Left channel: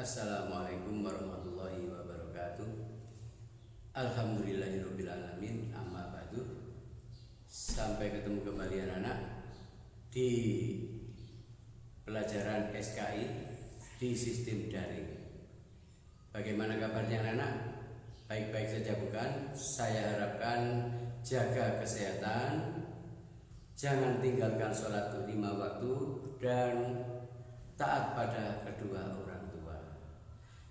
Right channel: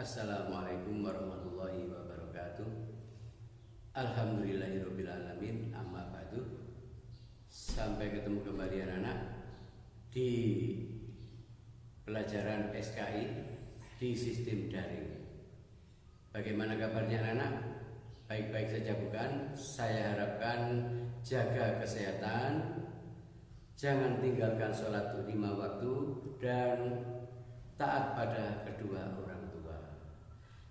Assalamualaikum warahmatullahi wabarakatuh. Alhamdulillahirrabbilalamin. Amma ba'du. Sampai ketemu kembali anak-anak di pelajaran SKI di sistem daring. Bagaimana kabarnya anak-anak? Baik-baik saja bukan? Saya harapkan jaga kesehatan, jangan tinggalkan sholat 5 waktu, dan taat pada kedua orang tua.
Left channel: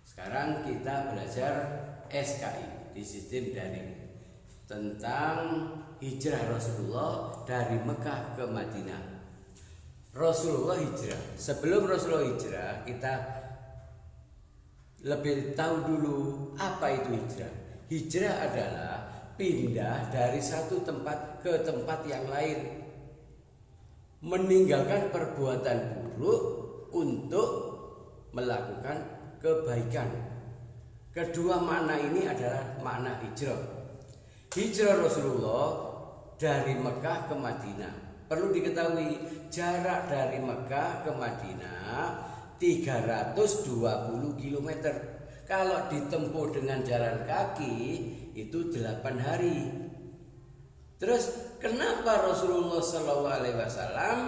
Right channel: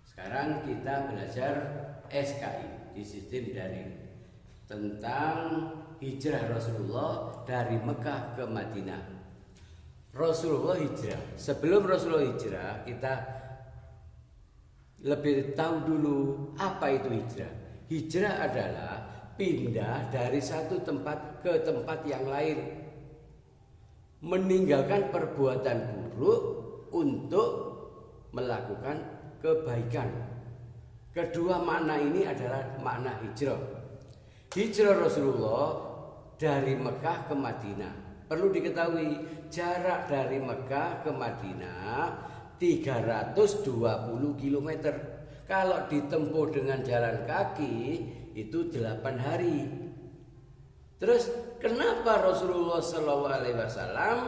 Sekarang kita belajar SKI di sistem daring tentang hijrah Rasulullah dari Mekah ke Madinah. Rasulullah hijrah. Sebelum Rasulullah hijrah, kita lebih tahu dulu apa itu hijrah. Hijrah adalah pindah dari satu tempat ke tempat yang lain, meninggalkan perbuatan buruk untuk melakukan kebaikan. Kedua makna ini adalah makna hijrah. Hijrah Rasulullah dari Mekah ke Madinah. Perlu diketahui jarak dari Mekah ke Madinah 320 km. Kalau ditempuh dengan jalan kaki itu 8 hari. Terus kenapa Rasulullah SAW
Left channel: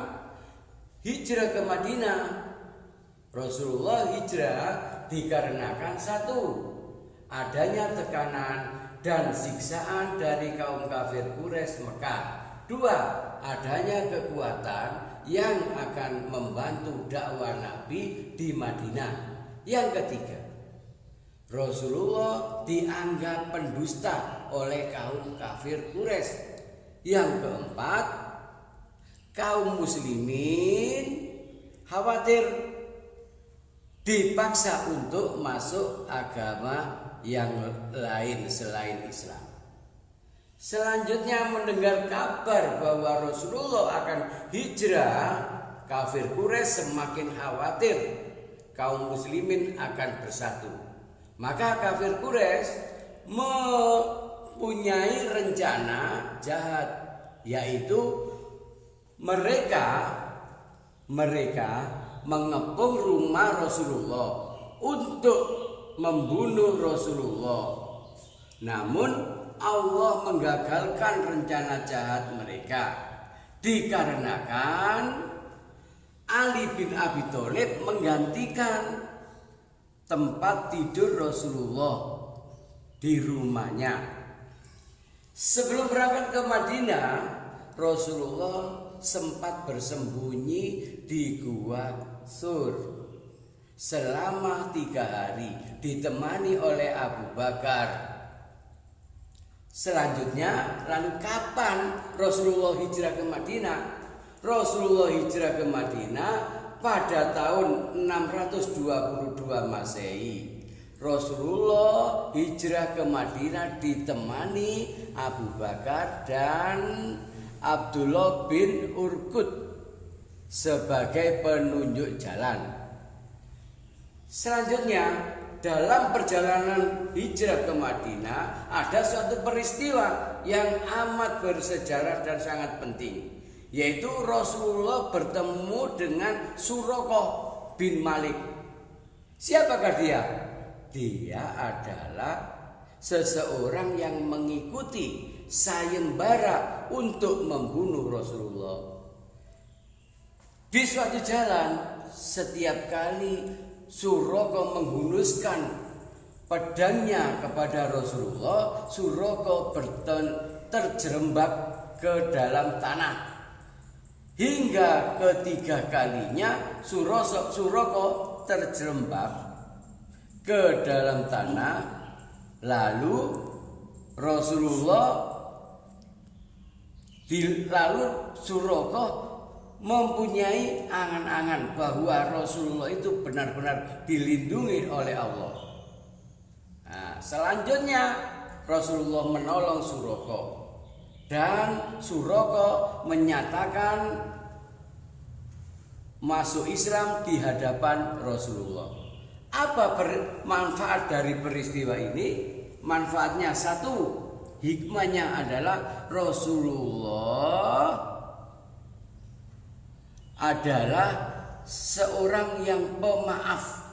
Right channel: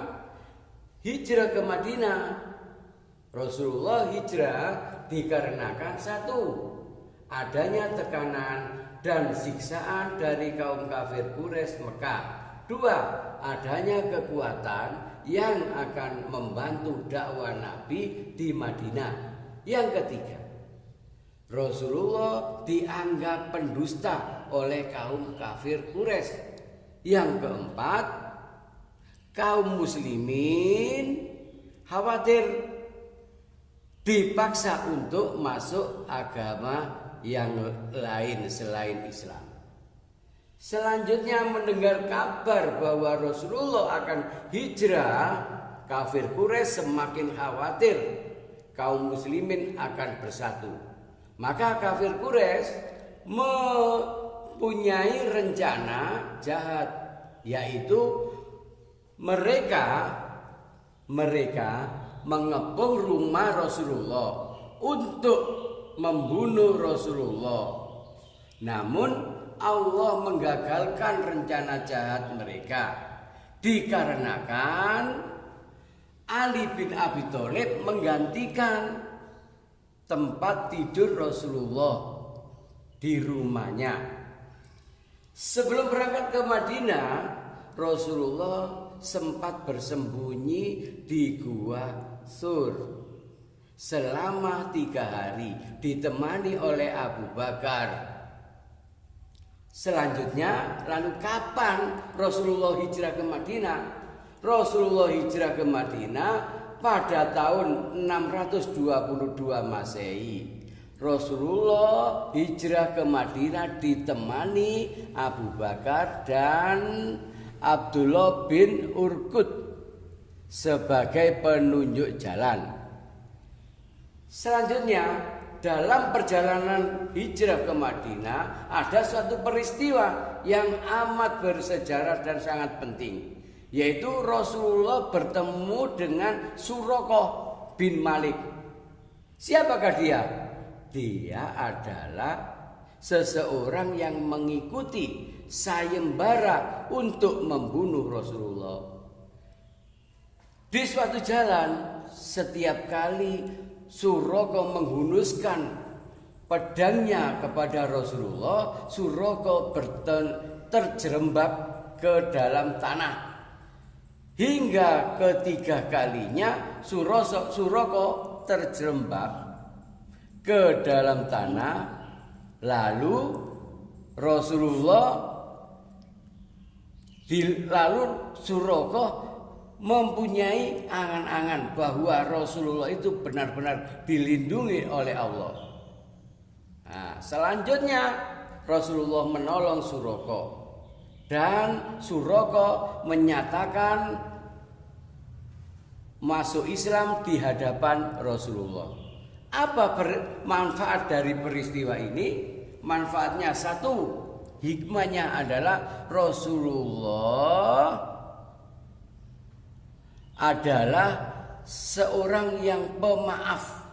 hijrah ke Madinah? Rasulullah hijrah dikarenakan satu, adanya tekanan dan siksaan dari kaum kafir Quraisy Mekah. Dua, adanya kekuatan yang akan membantu dakwah Nabi di Madinah. Yang ketiga, Rasulullah dianggap pendusta oleh kaum kafir Quraisy. Yang keempat, kaum muslimin khawatir dipaksa untuk masuk agama yang lain selain Islam. Selanjutnya mendengar kabar bahwa Rasulullah akan hijrah, kafir Quraisy semakin khawatir kaum muslimin akan bersatu. Maka kafir Quraisy mempunyai rencana jahat, yaitu mereka mengepung rumah Rasulullah untuk membunuh Rasulullah. Namun Allah menggagalkan rencana jahat mereka dikarenakan Ali bin Abi Thalib menggantikan tempat tidur Rasulullah di rumahnya. Sebelum berangkat ke Madinah, Rasulullah sempat bersembunyi di Gua Sur selama 3 hari ditemani oleh Abu Bakar. Selanjutnya, lalu kapan Rasulullah hijrah ke Madinah? Rasulullah hijrah ke Madinah pada tahun 622 Masehi. Rasulullah hijrah ke Madinah ditemani Abu Bakar dan Abdullah bin Urqud sebagai penunjuk jalan. Selanjutnya, dalam perjalanan hijrah ke Madinah ada suatu peristiwa yang amat bersejarah dan sangat penting, yaitu Rasulullah bertemu dengan Suraqah bin Malik. Siapakah dia? Dia adalah seseorang yang mengikuti sayembara untuk membunuh Rasulullah. Di suatu jalan, setiap kali Suraqah menghunuskan pedangnya kepada Rasulullah, Suraqah terjerembab ke dalam tanah. Hingga ketiga kalinya Suraqah terjerembab ke dalam tanah. Lalu Suraqah mempunyai angan-angan bahwa Rasulullah itu benar-benar dilindungi oleh Allah. Nah, selanjutnya Rasulullah menolong Suraqah dan Suraqah menyatakan masuk Islam di hadapan Rasulullah. Apa manfaat dari peristiwa ini? Manfaatnya satu, hikmahnya adalah Rasulullah adalah seorang yang pemaaf,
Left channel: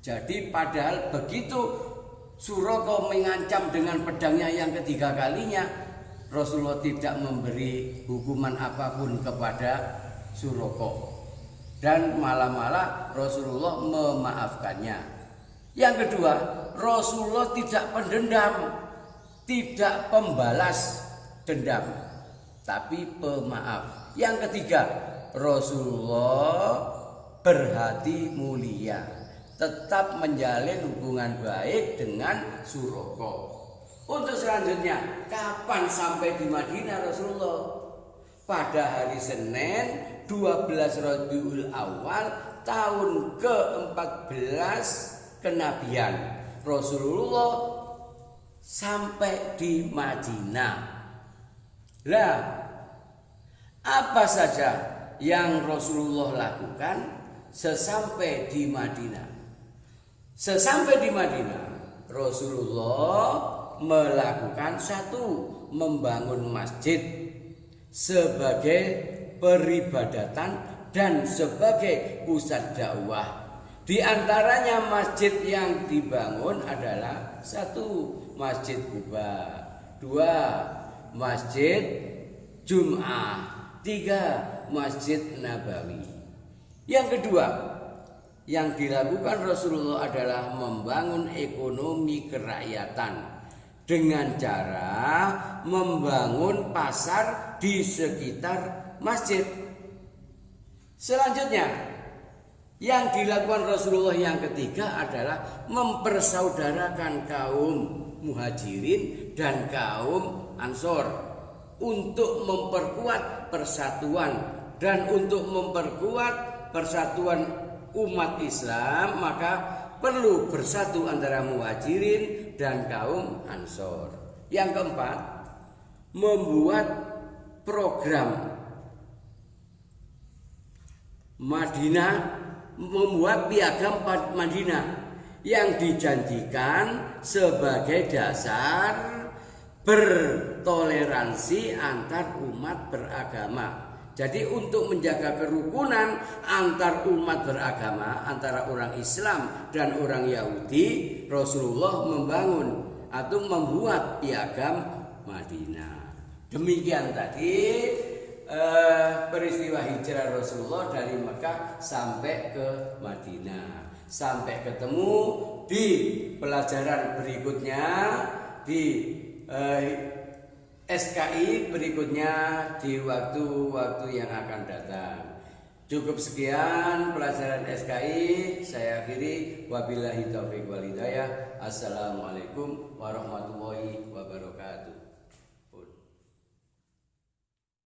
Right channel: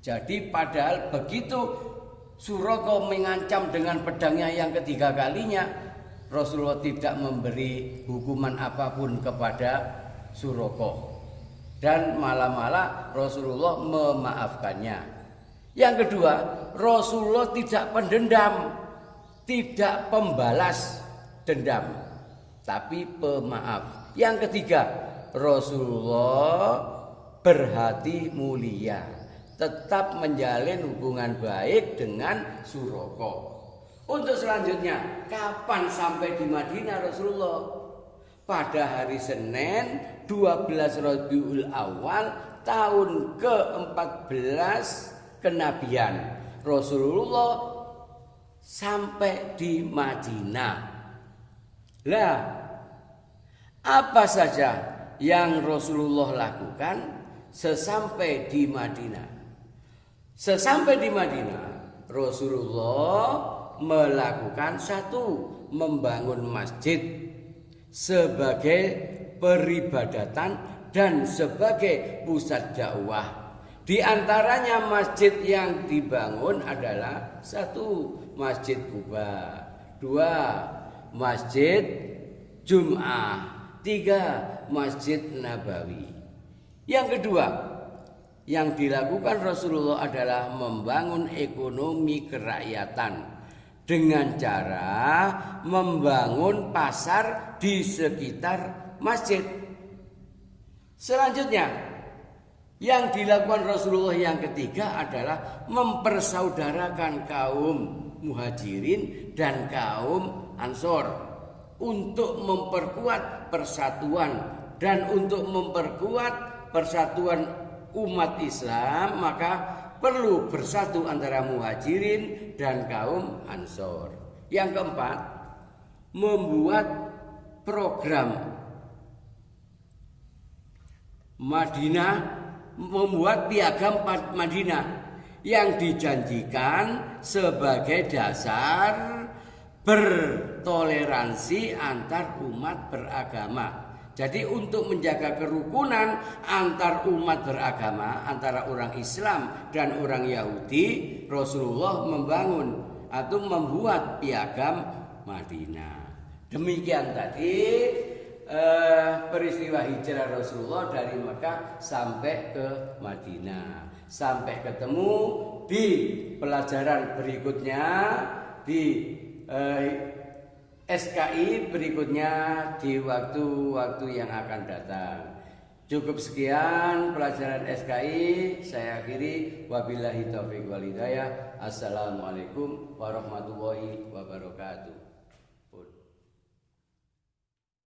Jadi padahal begitu Suraka mengancam dengan pedangnya yang ketiga kalinya, Rasulullah tidak memberi hukuman apapun kepada Suraka. Dan malah Rasulullah memaafkannya. Yang kedua, Rasulullah tidak pendendam, tidak pembalas dendam, tapi pemaaf. Yang ketiga, Rasulullah berhati mulia, tetap menjalin hubungan baik dengan Suraka. Untuk selanjutnya, kapan sampai di Madinah Rasulullah? Pada hari Senin 12 Rabiul Awal tahun ke-14 kenabian, Rasulullah sampai di Madinah. Lah, apa saja yang Rasulullah lakukan sesampai di Madinah? Sesampai di Madinah, Rasulullah melakukan satu, membangun masjid sebagai peribadatan dan sebagai pusat dakwah. Di antaranya masjid yang dibangun adalah satu, Masjid Quba, dua, Masjid Jum'ah, tiga, Masjid Nabawi. Yang kedua yang dilakukan Rasulullah adalah membangun ekonomi kerakyatan dengan cara membangun pasar di sekitar masjid. Selanjutnya, yang dilakukan Rasulullah yang ketiga adalah mempersaudarakan kaum Muhajirin dan kaum Ansor untuk memperkuat persatuan. Dan untuk memperkuat persatuan umat Islam, maka perlu bersatu antara Muhajirin dan kaum Ansor. Yang keempat, membuat program Madinah, membuat piagam Madinah yang dijanjikan sebagai dasar bertoleransi antar umat beragama. Jadi untuk menjaga kerukunan antar umat beragama, antara orang Islam dan orang Yahudi, Rasulullah membangun atau membuat piagam Madinah. Demikian tadi peristiwa hijrah Rasulullah dari Mekah sampai ke Madinah. Sampai ketemu di pelajaran berikutnya, di SKI berikutnya, di waktu-waktu yang akan datang. Cukup sekian pelajaran SKI, saya akhiri. Wabillahi taufiq wal hidayah. Assalamualaikum warahmatullahi wabarakatuh.